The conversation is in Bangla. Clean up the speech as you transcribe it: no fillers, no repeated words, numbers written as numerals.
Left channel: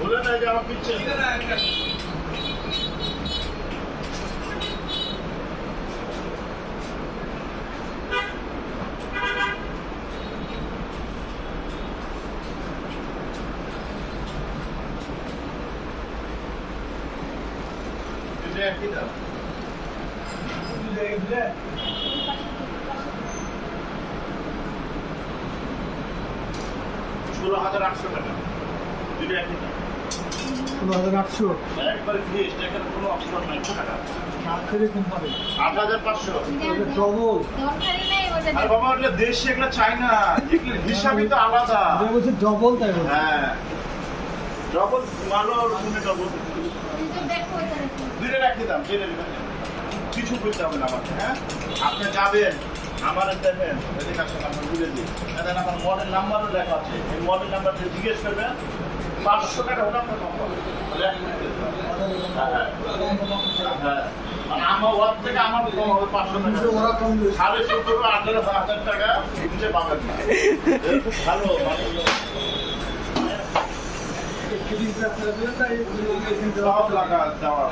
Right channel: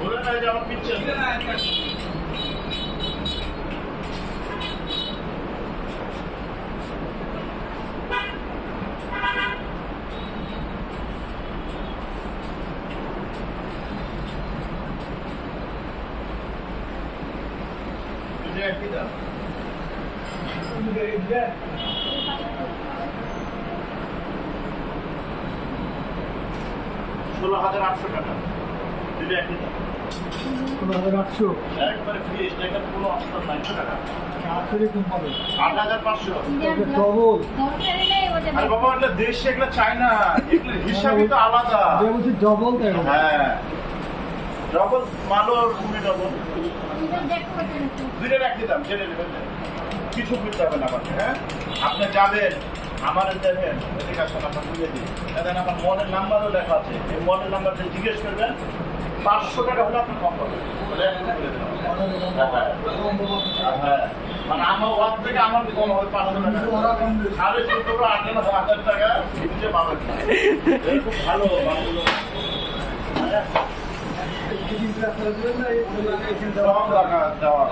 বলে না যে আমার পিচ্ছে এটা 16,800 টাকা দুটো একই দাম 16,800 একবারে ফ্রেশ টাকার কোনো অপশন নাই টাকা এরকম হবে 8,500 ডবল আর বাবা এটা দেশে এগুলো চাই না এগুলো হিসাবই তো আলাদা বলছি ডবল তাই হ্যাঁ ডবল মালোর তুমি ডবল দুটো একই দাম জেনে নেবেন কিছু করতে হবে না আমাকে হ্যাঁ আপনি যাবেন আমার দেখেন এদিকে আসলে আপনার বুঝে দিই এখন আমার মলের নাম্বারও লেখা আছে এই মলের নাম্বারটা জিজ্ঞেস করবেন 500 টাকা হলে আপনার কম পাবেন হ্যাঁ মানে আমার ওয়ার থেকে আমার কম হবে 500 টাকা 17,500 টাকা দিতে পাবেন খুব ভালো সব টাকা দেওয়া